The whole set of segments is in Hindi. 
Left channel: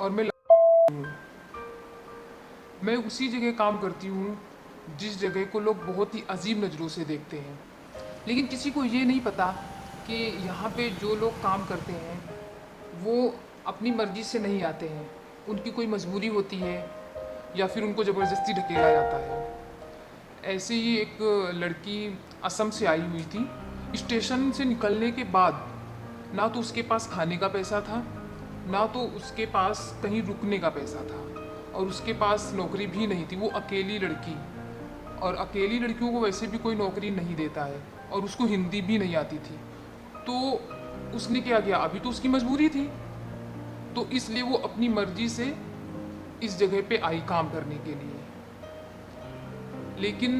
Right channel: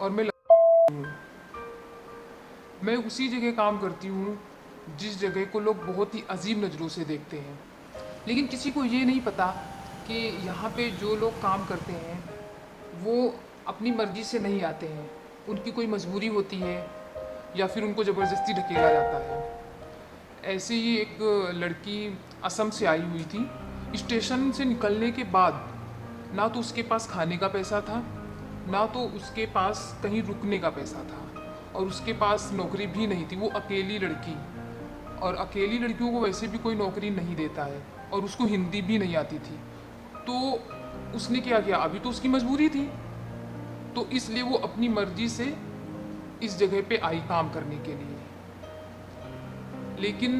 और मैं उसी जगह काम करती हूँ जिस जगह को लोग बहुत ही अजीब नज़रों से देखते हैं। लेकिन किसी को ये नहीं पता कि यहाँ पे जो लोग काम करते हैं वो अपनी मर्जी से नहीं आते हैं। उनकी कोई मजबूरी होती है या फिर उनको ज़बरदस्ती धकेला जाता है। ऐसे ही एक लड़की असम से आई हुई थी। स्टेशन से निकलने के बाद ना तो उसके पास खाने का पैसा था, ना तो उसके पास कहीं रुकने का पैसा था, और उसके पास नौकरी भी नहीं थी। वो अकेली लड़की, और अकेली लड़कियों को वैसे भी कोई नौकरी नहीं देता है, और उसको हिंदी भी नहीं आती थी। तो उसने क्या किया, अभी तो उसकी मजबूरी थी, तो इसलिए वो अपनी मर्जी से इस जगह पे आई काम करने के लिए। लेकिन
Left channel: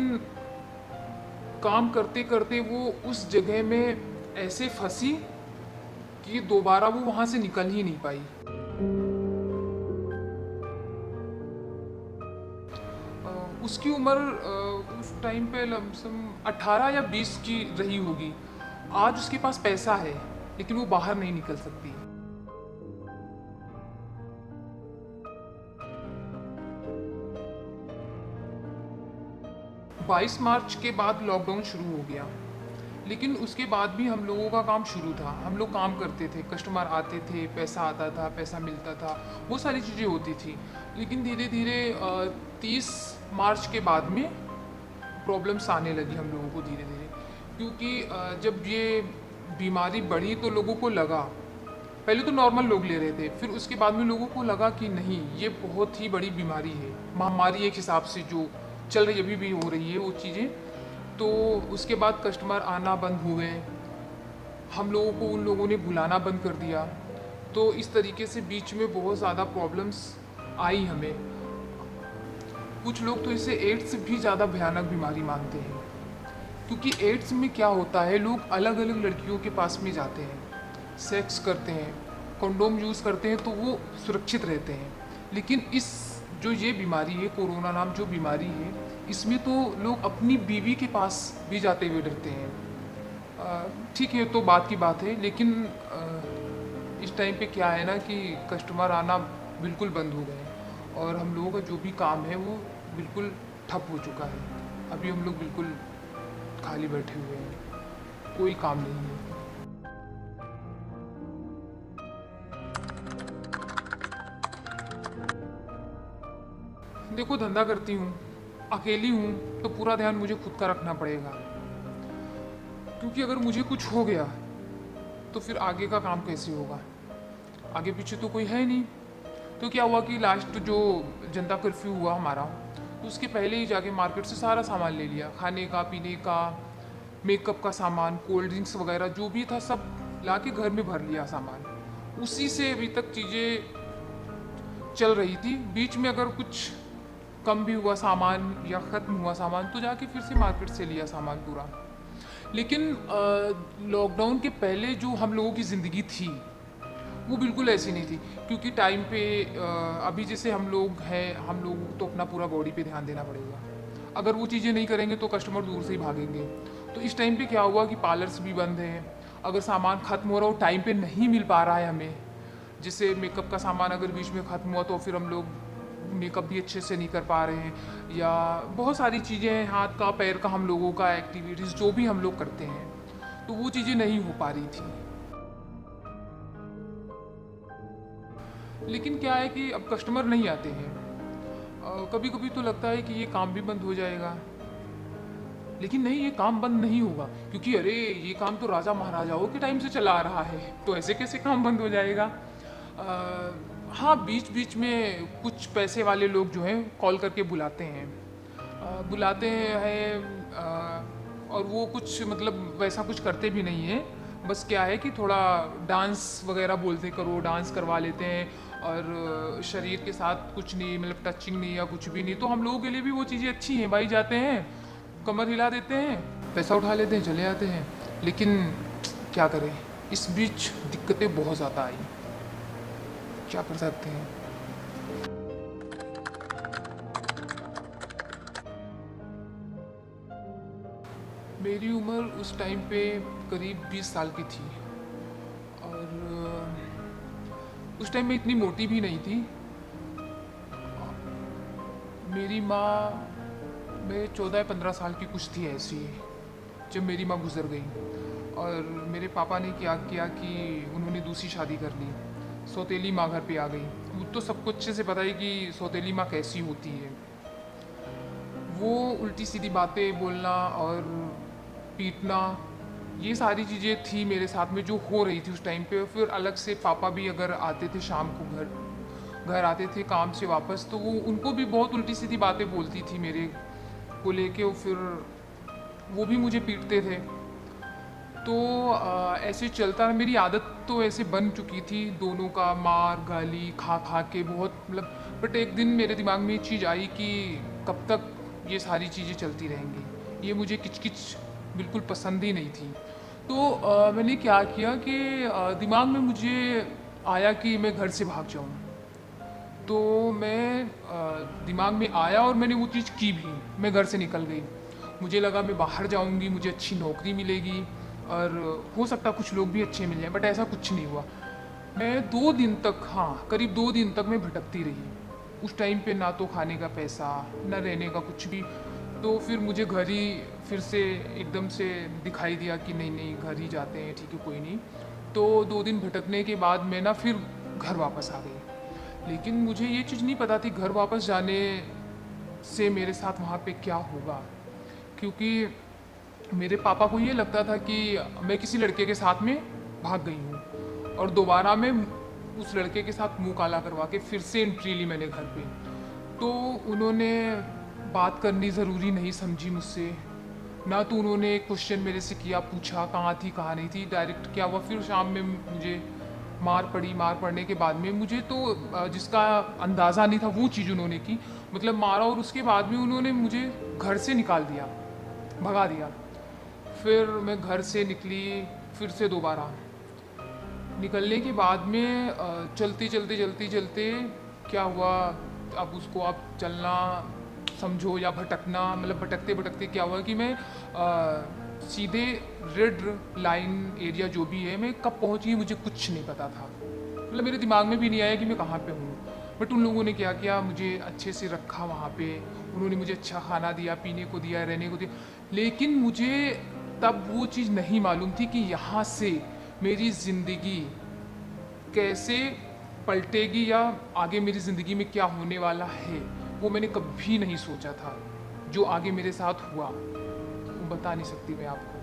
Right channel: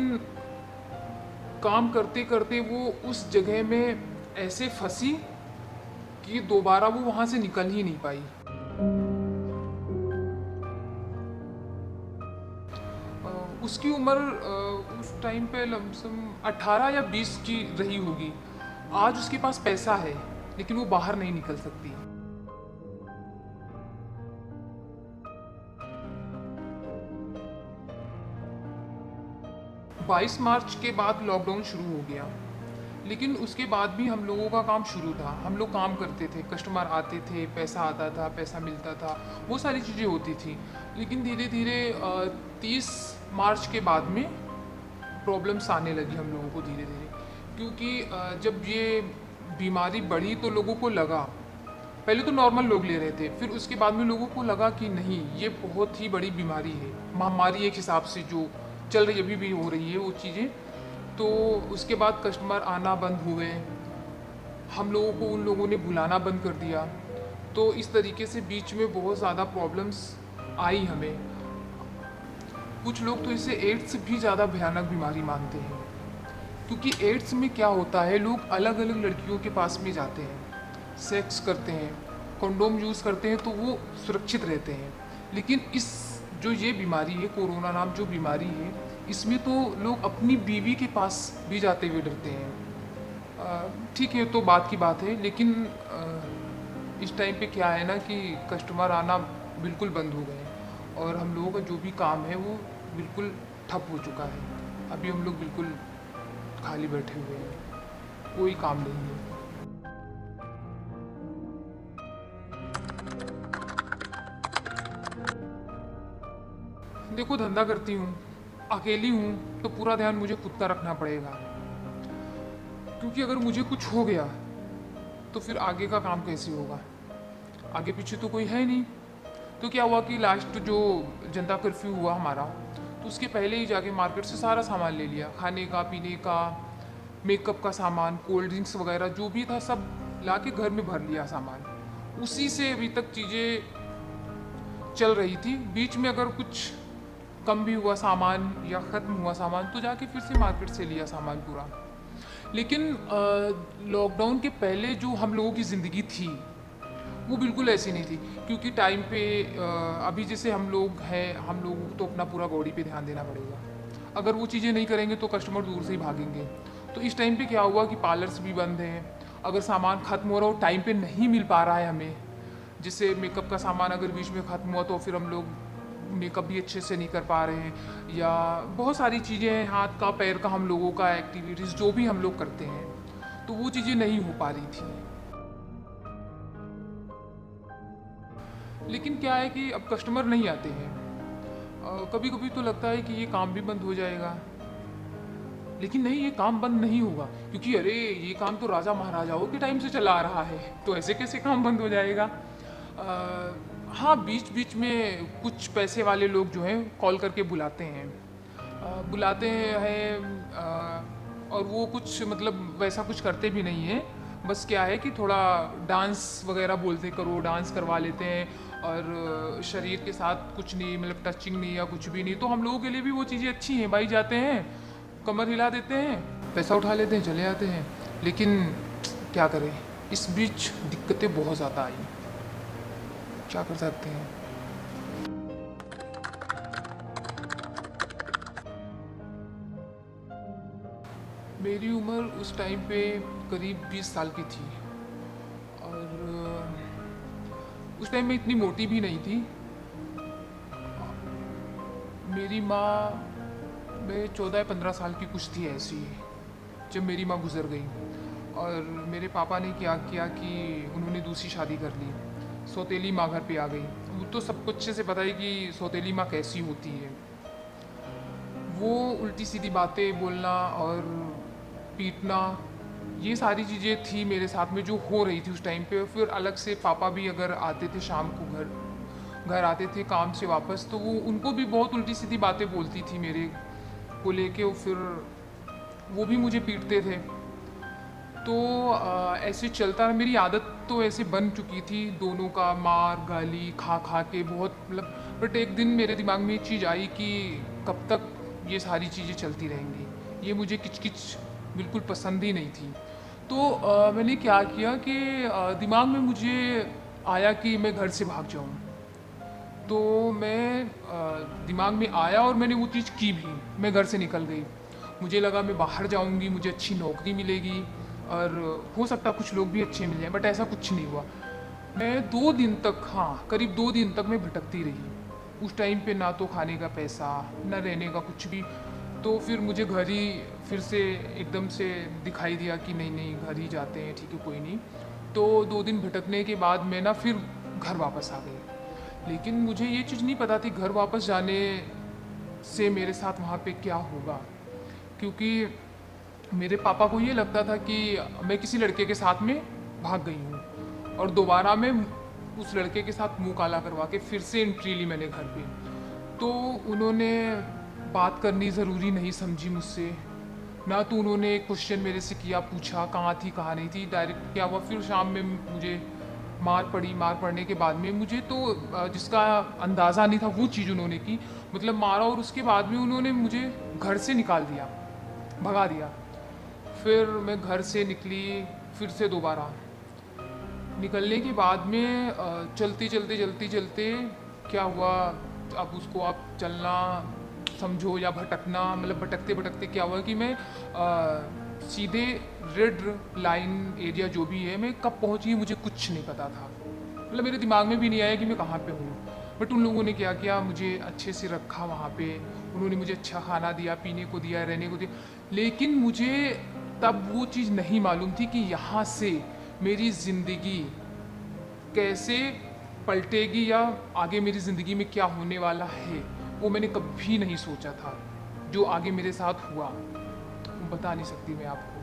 काम करते करते वो उस जगह में ऐसे फंसी कि दोबारा वो वहां से निकल ही नहीं पाई। उसकी उम्र उस टाइम पे लमसम 18 या 20 की रही होगी। आज उसके पास पैसा है लेकिन वो बाहर नहीं निकल सकती। 22 मार्च के बाद लॉकडाउन शुरू हो गया, लेकिन उसके बाद भी हम लोगों का काम शुरू था। हम लोग काम करते थे, कस्टमर आते थे, पैसा आता था, पैसा मिलता था, वो सारी चीज़ें होती थी। लेकिन धीरे धीरे 30 मार्च के बाद में प्रॉब्लम्स आने लगी हम लोगों को धीरे धीरे, क्योंकि जब ये बीमारी बढ़ी तो लोगों को लगा, पहले तो नॉर्मल लोग ले रहे थे, फिर उसके बाद में लोगों को लगा कि नहीं, ये बहुत ही बड़ी बीमारी है, महामारी एक हिसाब से जो चल रही अभी भी हो रही है वो चीज़ें। तो उसके बाद कस्टमर आना बंद हुए, हम लोगों को उन लोगों ने बुलाना बंद कर दिया। तो इस तरीके से बीच में बहुत ज़्यादा प्रॉब्लम्स आई हमें। कुछ लोग तो इसे एड्स भी ज़्यादा भयानक बीमारी मानते हैं, क्योंकि एड्स में क्या होता है, लोग अलग अलग लड़कियों के पास में जाते हैं, सेक्स करते हैं, कंडोम यूज़ करते हैं, तो वो सुरक्षित रहते हैं। लेकिन इस जो ये बीमारी है, कोरोना नाम जो बीमारी है, इसमें तो लोग अपनी बीवी के पास भी जाते हुए डरते हैं। ठीक है, तो बात की बात है, लेकिन इस टाइम पे क्या है ना कि कस्टमर आना बिल्कुल बंद हो गए, और हम लोगों का जो भी काम है वो बिल्कुल ठप हो चुका है। अभी हम लोग बिल्कुल खाली बैठे हुए हैं, कोई काम नहीं है। देखो, धंधा करती हूँ, अकेली हूँ, तो पूरा ध्यान मुझे खुद का रखना पड़ेगा, क्योंकि अगर मुझे कुछ हो गया तो फिर आगे का काम कैसे होगा। आगे पीछे तो कोई है नहीं। तो क्या हुआ कि लास्ट जो जनता कर्फ्यू हुआ हमारा, तो उसके पहले ही जाके मार्केट से सारा सामान ले लिया, खाने का, पीने का, मेकअप का सामान, कोल्ड ड्रिंक्स वगैरह जो भी था सब ला के घर में भर लिया सामान। उसी से अभी तक चीज़ें चल रही थी। बीच में अगर कुछ कम भी हुआ सामान या ख़त्म हुआ सामान तो जाके फिर से मार्केट से लिया सामान पूरा। लेकिन लॉकडाउन के पहले जो हम लोगों की ज़िंदगी थी वो बिल्कुल ऐसी नहीं थी, क्योंकि टाइम पे अभी जैसे हम लोग हैं, हम लोग तो अपना पूरा बॉडी पे ध्यान देना पड़ेगा। अगर वो चीज़ें नहीं करेंगे तो कस्टमर दूर से ही भागेंगे। तो इस टाइम पे क्या हुआ कि पार्लर्स भी बंद हैं। अगर सामान खत्म हो रहा हो, टाइम पे नहीं मिल पा रहा है हमें, जैसे मेकअप का सामान अगर बीच में ख़त्म हुआ तो फिर हम लोग मेकअप भी अच्छे से नहीं कर पा रहे हैं, या बहुत सारी चीज़ें, हाथ का, पैर का, हम लोगों का एक्टिविटीज़ जो भी हम लोग करते हैं, तो वो चीज़ें नहीं हो पा रही थी। लेकिन क्या है कि अब कस्टमर नहीं आते हैं। कभी कभी तो लगता है कि ये काम भी बंद हो जाएगा, लेकिन नहीं, ये काम बंद नहीं होगा, क्योंकि अरे ये काम तो राजा महाराजाओं के टाइम से चला आ रहा है, तो ऐसे कैसे काम बंद हो जाएगा। हाँ, बीच बीच में कुछ पैसे वाले लोग जो हैं कॉल करके बुलाते हैं, बुलाते हैं, और वो कुछ मतलब वैसा कुछ करते भी नहीं है। बस क्या है कि थोड़ा डांस वगैरह बोलते करो, डांस करवा लेते हैं, और शरीर के साथ कुछ नहीं, मतलब टचिंग नहीं या कुछ भी नहीं, तो हम लोगों के लिए भी वो चीज़ें अच्छी हैं। भाई जाते हैं, कमर हिला देते हैं, पैसा उठा लेते हैं, चले जाते हैं। लेकिन क्या करें, इस बीच दिक्कतें बहुत ज़्यादा आई, क्या कर सकते हैं। मेरी उम्र उस टाइम पे करीब 20 साल की थी, और उस टाइम मैं इतनी मोटी भी नहीं थी। मेरी माँ मैं 14 या 15 साल की कुछ थी ऐसी, जब मेरी माँ गुजर गई। और मेरे पापा ने क्या किया कि उन्होंने दूसरी शादी कर ली, सौतेली माँ घर पे आ गई। वो तो सबको अच्छे से पता है कि सौतेली माँ कैसी होती है। वो उल्टी सीधी बातें बोलना और पीटना, ये सारी चीज़ें थी मेरे साथ में जो हो रही थी उस टाइम पे। फिर अलग से पापा भी अगर आते थे शाम को घर आते थे काम से वापस, तो वो उनको भी बहुत उल्टी सीधी बातें बोलती थी मेरे को लेके। फिर वो भी मुझे पीटते थे। तो ऐसे चलता, मेरी आदत तो ऐसे बन चुकी थी दोनों का, मार गाली खा खा के बहुत, मतलब। बट एक दिन मेरे दिमाग में एक चीज़ आई कि कब तक ये सारी चीज़ें चलती रहेंगी, ये मुझे किचकिच बिल्कुल पसंद ही नहीं थी। तो मैंने क्या किया कि दिमाग में मुझे आया कि मैं घर से भाग जाऊँ। तो मैं दिमाग में आया और मैंने वो चीज़ की भी। मैं घर से निकल गई। मुझे लगा मैं बाहर जाऊंगी, मुझे अच्छी नौकरी मिलेगी और हो सकता कुछ लोग भी अच्छे मिल जाए, बट ऐसा कुछ नहीं हुआ। मैं 2 दिन तक, हाँ करीब 2 दिन तक मैं भटकती रही। उस टाइम पे ना तो खाने का पैसा, ना रहने का कुछ भी। तो फिर मुझे घर ही फिर से एकदम से दिखाई दिया कि नहीं नहीं घर ही जाते हैं, ठीक है कोई नहीं। तो 2 दिन भटकने के बाद मैं ना फिर घर वापस आ गई। लेकिन मुझे ये चीज़ नहीं पता थी घर वापस जाने से मेरे साथ वहाँ पे क्या होगा, क्योंकि मेरे पापा को ये लगता था कि मैं किसी लड़के के साथ में भाग गई हूँ और दोबारा मैं उस लड़के के साथ मुंह काला करवा के फिर से एंट्री ली मैंने घर पे। तो उन्होंने बात करनी ज़रूरी नहीं समझी मुझसे, ना तो उन्होंने क्वेश्चन मेरे से किया, पूछा कहाँ थी कहाँ नहीं थी। डायरेक्ट क्या हुआ, फिर शाम में मुझे मार पड़ी। मार पड़ने के बाद में मुझे तो जिसका अंदाज़ा नहीं था वो चीज़ उन्होंने की, मतलब मारा। और उसके बाद में उन्होंने मुझे घर से निकाल दिया, भगा दिया। फिर मैं घर से निकली फिर से दोबारा। निकलने के बाद में चलते चलते चलते चलते क्या हुआ, अब उसको आप चलना समझो या भटकना, मतलब भटकते भटकते क्या हुआ कि मैं सीधे रेड लाइन एरिया जो भी है, मैं कब पहुंची मुझे कुछ नहीं पता था। मतलब मेरे दिमाग में भी नहीं आया कि मैं कहाँ पे हूँ। बट उन लोगों ने क्या किया, मुझे अच्छे से रखा वहाँ पे। उन्होंने मुझे अच्छा खाना दिया, पीने को दिया, रहने को दिया। लेकिन मुझे तब वो चीज़ नहीं मालूम थी कि यहाँ से मेरी ज़िंदगी कैसे पलटेगी या आगे मेरी ज़िंदगी में क्या होने वाला है, वो मैंने कभी नहीं सोचा था। जो आगे मेरे साथ हुआ बता नहीं सकती मैं आपको।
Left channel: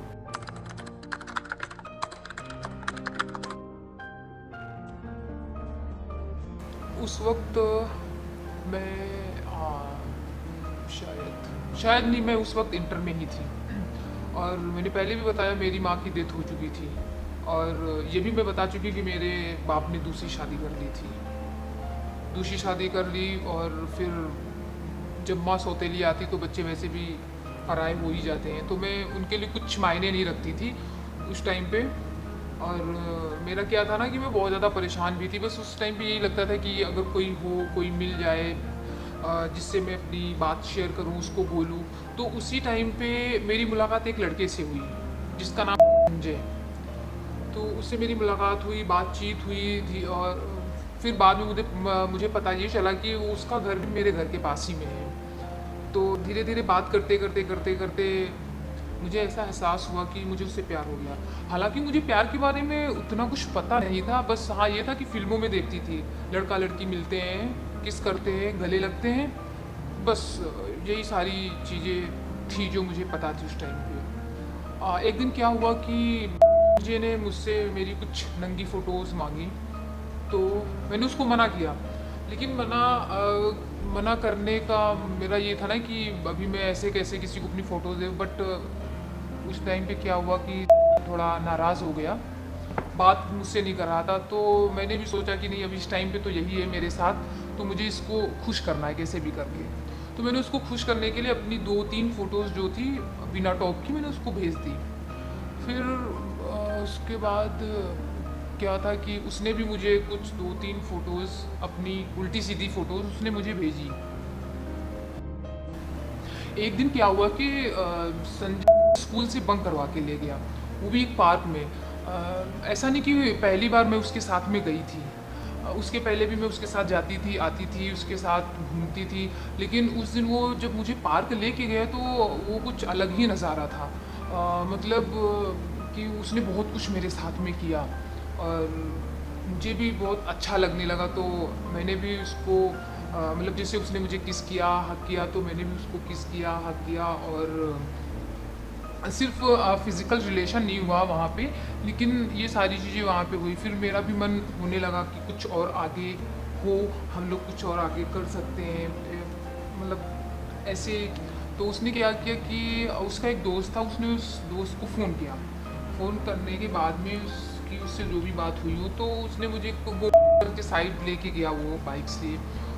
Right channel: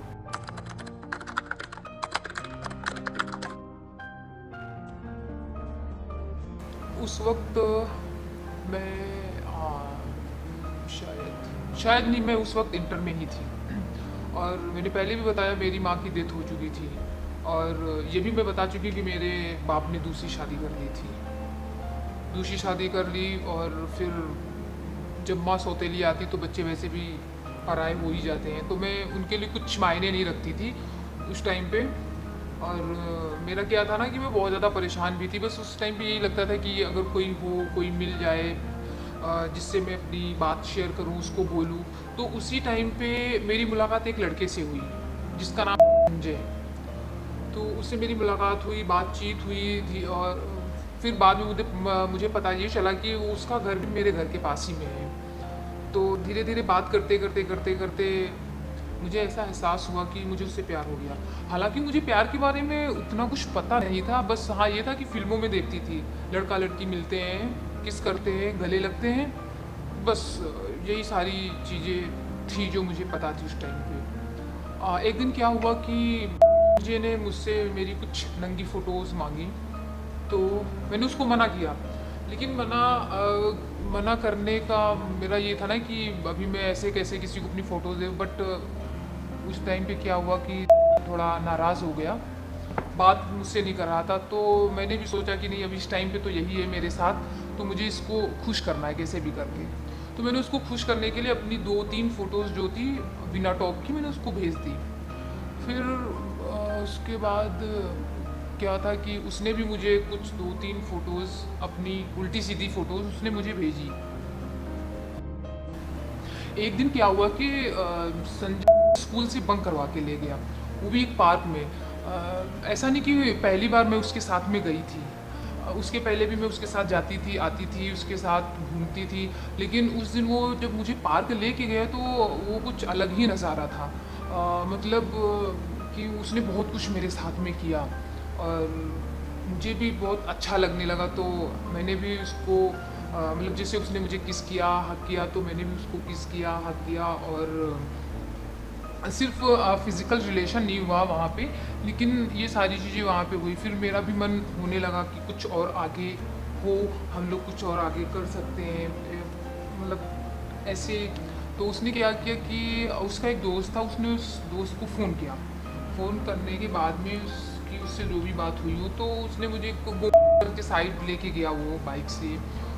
उस वक्त मैं शायद नहीं, मैं उस वक्त इंटर में ही थी। और मैंने पहले भी बताया मेरी माँ की डेथ हो चुकी थी। और ये भी मैं बता चुकी कि मेरे बाप ने दूसरी शादी कर ली थी। दूसरी शादी कर ली और फिर जब माँ सौतेली आती तो बच्चे वैसे भी पराए हो ही जाते हैं, तो मैं उनके लिए कुछ मायने नहीं रखती थी उस टाइम पे। और मेरा क्या था ना कि मैं बहुत ज़्यादा परेशान भी थी। बस उस टाइम पे यही लगता था कि अगर कोई हो, कोई मिल जाए जिससे मैं अपनी बात शेयर करूं, उसको बोलूं। तो उसी टाइम पे मेरी मुलाकात एक लड़के से हुई जिसका नाम संजय। तो उससे मेरी मुलाकात हुई, बातचीत हुई और फिर बाद में मुझे पता ये चला कि वो उसका घर भी मेरे घर के पास ही में है। तो धीरे धीरे बात करते करते करते करते मुझे ऐसा एहसास हुआ कि मुझे उससे प्यार हो गया। हालांकि मुझे प्यार के बारे में उतना कुछ पता नहीं था, बस हाँ ये था कि फिल्मों में देखती थी, लड़का लड़की मिलते हैं, किस करते हैं, गले लगते हैं, बस यही सारी चीज़ें थी जो मुझे पता थी उस टाइम पे। एक दिन क्या हुआ कि मुझे ने मुझसे मेरी कुछ नंगी फ़ोटोज़ मांगी, तो मैंने उसको मना किया। लेकिन मना करने का मेरा ये था ना कि अभी मैं ऐसे कैसे किसी को अपनी फ़ोटोज़ दे। बट उस टाइम पे क्या हुआ कि थोड़ा नाराज़ हो गया, बात मुझसे नहीं कर रहा था। तो मैंने भी सोचा कि नहीं अभी इस टाइम पे तो यही है मेरे साथ, तो मुझे इसको खुश करना है कैसे भी करके। तो मैंने उसको खुश करने के लिए अपनी 2-3 फ़ोटोज़ जो थी बिना टॉप की मैंने उसको भेज दी। फिर उसके बाद क्या था कि उसने भी मुझे कुछ 2-3 फ़ोटोज़, अपनी उल्टी सीधी फ़ोटोज़ उसने मुझे भेजी। एक दिन क्या हुआ कि संजय स्कूल से बंक करवा के ले गया, वो भी एक पार्क में। ऐसा नहीं कि पहली बार मैं उसके साथ में गई थी। उसके पहले भी मैं उसके साथ जाती थी, आती थी, उसके साथ घूमती थी। लेकिन उस दिन वो जब मुझे पार्क लेके गया तो वो कुछ अलग ही नज़ारा था। मतलब कि उसने बहुत कुछ मेरे साथ में किया और मुझे भी बहुत अच्छा लगने लगा। तो मैंने भी उसको मतलब जैसे उसने मुझे किस किया, हक किया, तो मैंने भी उसको किस किया, हक किया। और सिर्फ फिजिकल रिलेशन नहीं हुआ वहाँ पे, लेकिन ये सारी चीज़ें वहाँ पे हुई। फिर मेरा भी मन होने लगा कि कुछ और आगे हो, हम लोग कुछ और आगे कर सकते हैं। मतलब ऐसे तो उसने क्या किया कि उसका एक दोस्त था, उसने उस दोस्त को फ़ोन किया। फ़ोन करने के बाद में उससे जो भी बात हुई हो, तो उसने मुझे के साइड लेके गया वो बाइक से।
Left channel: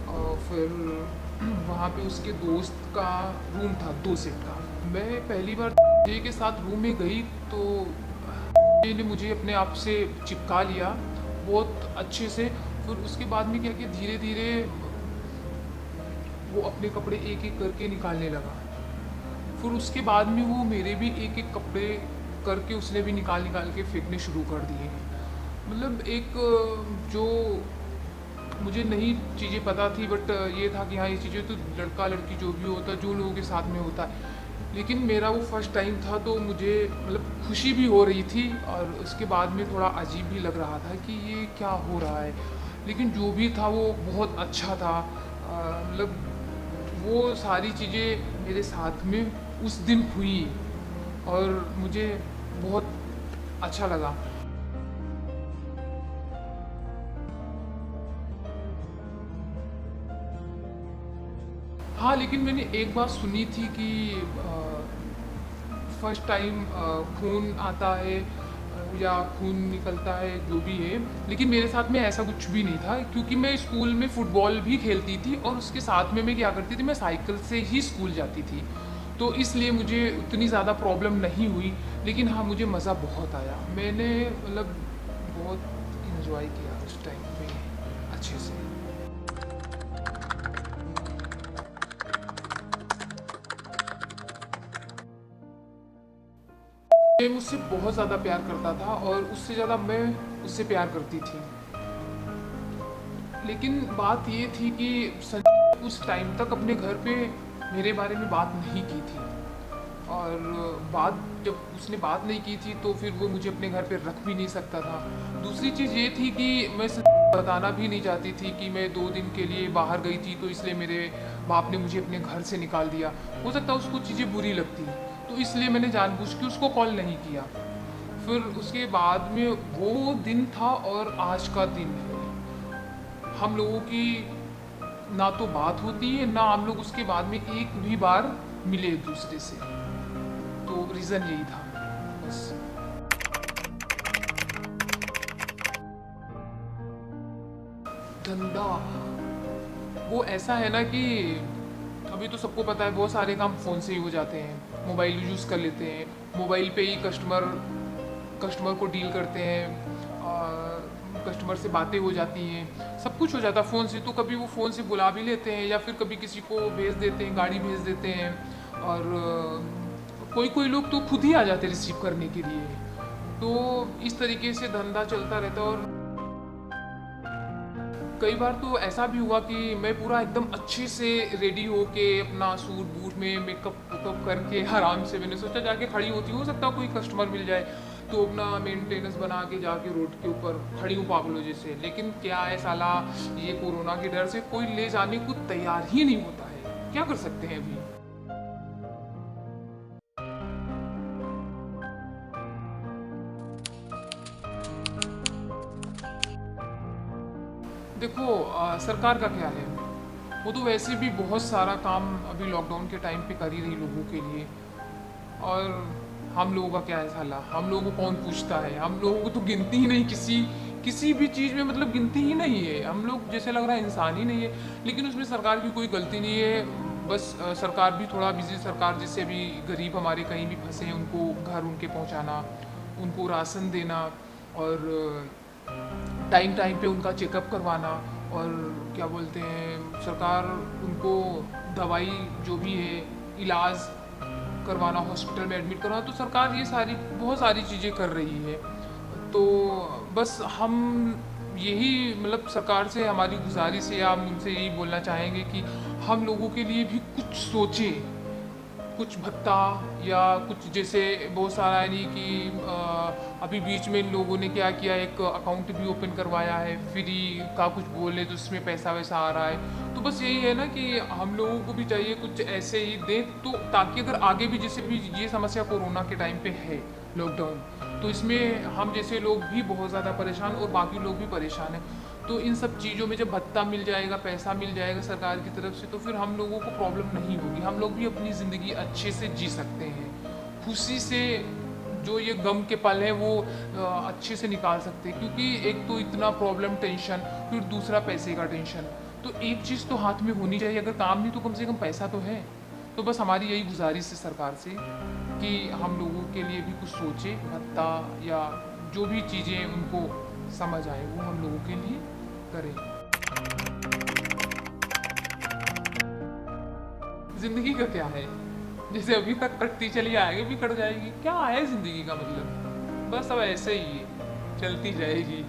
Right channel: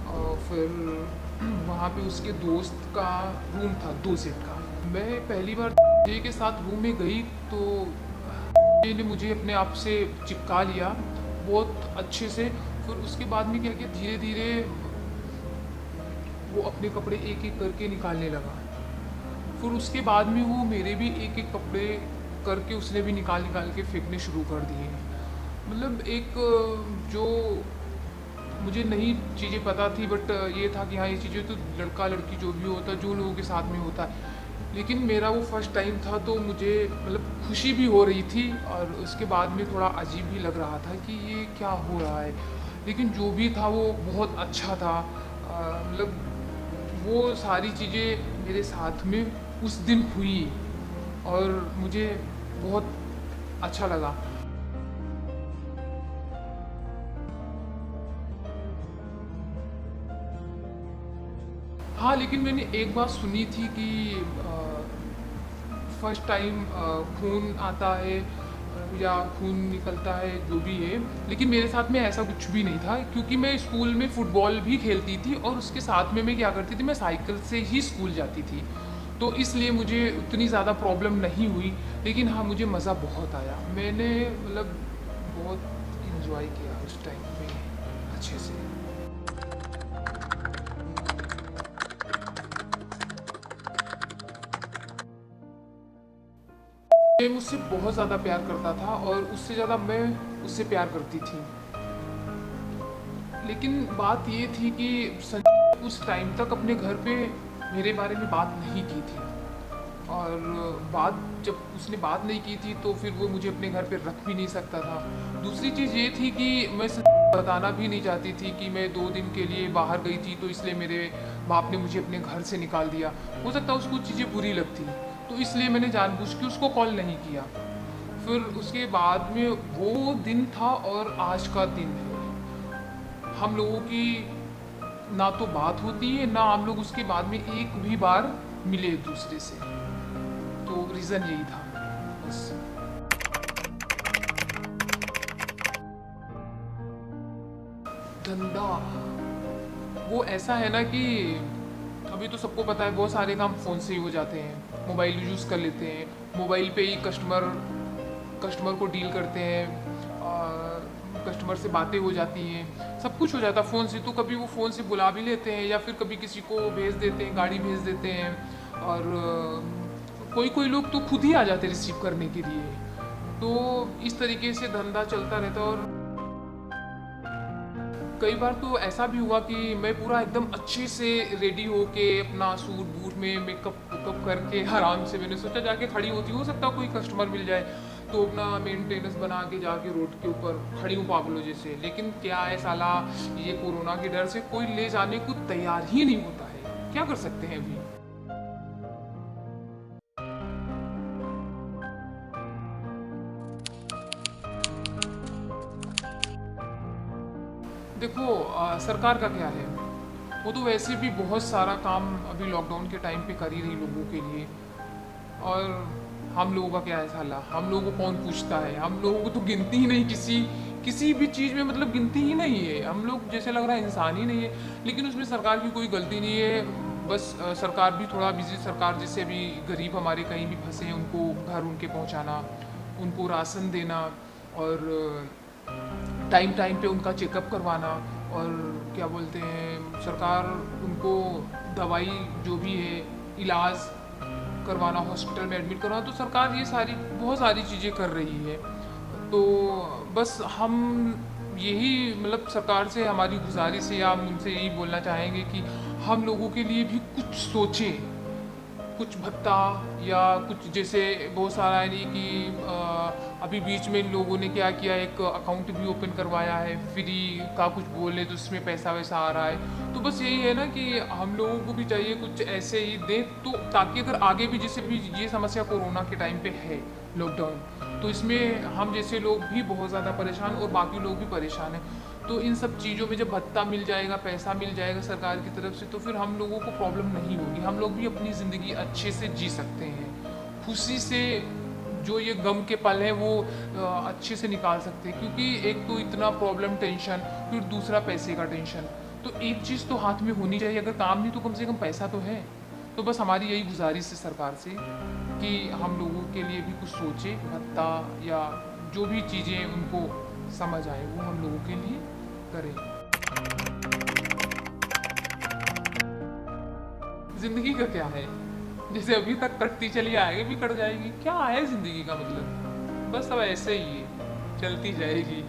और फिर वहाँ पे उसके दोस्त का रूम था 2 सीट का। मैं पहली बार जे के साथ रूम में गई तो जे ने मुझे अपने आप से चिपका लिया बहुत अच्छे से। फिर उसके बाद में क्या किया, धीरे धीरे वो अपने कपड़े एक एक करके निकालने लगा। फिर उसके बाद में वो मेरे भी एक एक कपड़े करके उसने भी निकाल निकाल के फेंकने शुरू कर दिए। मतलब एक जो मुझे नई चीज़ें पता थी, बट ये था कि हाँ, ये चीज़ें तो लड़का लड़की जो भी होता है, जो लोगों के साथ में होता है। लेकिन मेरा वो फर्स्ट टाइम था, तो मुझे मतलब खुशी भी हो रही थी और उसके बाद में थोड़ा अजीब भी लग रहा था कि ये क्या हो रहा है। लेकिन जो भी था वो बहुत अच्छा था। मतलब वो सारी चीज़ें मेरे साथ में उस दिन हुई और मुझे बहुत अच्छा लगा। हाँ, लेकिन मैंने एक बात सुनी थी कि फर्स्ट टाइम खून आता है या खून निकलता है, जो भी है। लेकिन मेरे साथ में ऐसा कुछ भी नहीं था, क्योंकि मैं स्कूल में फुटबॉल भी खेलती थी और उसके साथ में मैं क्या करती थी, मैं साइकिल से ही स्कूल जाती थी। तो इसलिए मुझे उतनी ज़्यादा प्रॉब्लम नहीं हुई। लेकिन हाँ, मुझे मज़ा बहुत आया। मैंने मतलब बहुत इंजॉय किया उस टाइम पे अच्छे से। ये मुझसे बहुत ज़्यादा प्यार करता था और उससे ज़्यादा मैं उससे प्यार करती थी। लेकिन बात ये थी कि उस टाइम तक अपने घर पे मेरे बारे में बात नहीं की थी। और बात जब उसने बात नहीं की थी तो फिर वो मुझे अपने घर पे रख भी नहीं सकता था। दूसरी चीज़ ये थी कि मैं बताना भी नहीं चाहती थी कि मैं 2 दिन के लिए बाहर गई थी, तो इसलिए मेरे बाप ने मुझे अपने घर से निकाल दिया। हो सकता है उसको चीज़ें बुरी लगती, तो इसलिए मैंने जानबूझ के उसको कॉल नहीं किया। फिर उसके बाद में वो दिन था और आज का दिन है, हम लोगों की ना तो बात होती है, ना हम लोग उसके बाद में एक भी बार मिले एक दूसरे से। तो रीज़न यही था बस। धंधा वो ऐसा है ना कि अभी तो सबको पता है बहुत सारे काम फ़ोन से ही हो जाते हैं, मोबाइल यूज़ कर लेते हैं, मोबाइल पे ही कस्टमर कस्टमर को डील करते हैं, कस्टमर से बातें हो जाती हैं, सब कुछ हो जाता है फ़ोन से। तो कभी वो फ़ोन से बुला भी लेते हैं या फिर कभी किसी को भेज देते हैं, गाड़ी भेज देते हैं। और कोई कोई लोग तो खुद ही आ जाते हैं रिसीव करने के लिए। तो इस तरीके से धंधा चलता रहता है। और कई बार तो ऐसा भी हुआ कि मैं पूरा एकदम अच्छे से रेडी होके अपना सूट बूट में मेकअप वेकअप करके आराम से मैंने सोचा जाके खड़ी होती, हो सकता कोई कस्टमर मिल जाए, तो अपना मेंटेनेंस बना के जाके रोड के ऊपर खड़ी हूँ पागलों जैसे। लेकिन क्या है साला, ये कोरोना के डर से कोई ले जाने को तैयार ही नहीं होता है, क्या कर सकते हैं अभी। देखो सरकार का क्या है, वो तो वैसे भी बहुत सारा काम अभी लॉकडाउन के टाइम पे कर ही रही लोगों के लिए। और हम लोगों का क्या है साला, हम लोगों को कौन पूछता है, हम लोगों को तो गिनती ही नहीं किसी किसी भी चीज़ में, मतलब गिनती ही नहीं है। हम लोग जैसे लग रहा है इंसान ही नहीं है। लेकिन उसमें सरकार की कोई गलती नहीं है। बस सरकार भी थोड़ा बिजी, सरकार जैसे अभी गरीब हमारे कहीं भी फंसे हैं उनको घर उनके पहुंचाना, उनको राशन देना और टाइम टाइम पे उनका चेकअप करवाना। और क्या बोलते हैं, सरकार उनको दवाई जो भी है, इलाज करवाना, हॉस्पिटल में एडमिट करवाना। तो सरकार ये सारी बहुत सारी चीज़ें कर रही है। तो बस हम यही मतलब सरकार से हमारी गुजारिश है, आप उनसे यही बोलना चाहेंगे कि हम लोगों के लिए भी कुछ सोचें, कुछ भत्ता या कुछ, जैसे बहुत सारा है नहीं कि अभी बीच में इन लोगों ने क्या किया, एक अकाउंट भी ओपन करवाया है फ्री का, कुछ बोले तो उसमें पैसा वैसा आ रहा है। तो बस यही है ना कि हम लोगों को भी चाहिए कुछ ऐसे ही दे, तो ताकि अगर आगे भी, जैसे भी ये समस्या कोरोना के टाइम पे है, लॉकडाउन, तो इसमें हम जैसे लोग भी बहुत ज़्यादा परेशान और बाकी लोग भी परेशान हैं। तो इन सब चीज़ों में जब भत्ता मिल जाएगा, पैसा मिल जाएगा सरकार की तरफ से, तो फिर हम लोगों को प्रॉब्लम नहीं होगी, हम लोग भी अपनी ज़िंदगी अच्छे से जी सकते हैं, खुशी से जो ये गम के पल है वो अच्छे से निकाल सकते हैं। क्योंकि एक तो इतना प्रॉब्लम, टेंशन, फिर दूसरा पैसे का टेंशन, तो एक चीज़ तो हाथ में होनी चाहिए, अगर काम नहीं तो कम से कम पैसा तो है। तो बस हमारी यही गुजारिश है सरकार से कि हम लोगों के लिए भी कुछ सोचे, भत्ता या जो भी चीज़ें उनको समझ आए वो हम लोगों के लिए करें। जिंदगी का क्या है, जैसे अभी तक कटती चली आएगी भी कट जाएगी, क्या है जिंदगी का मतलब, बस अब ऐसे ही है, चलती जाएगी।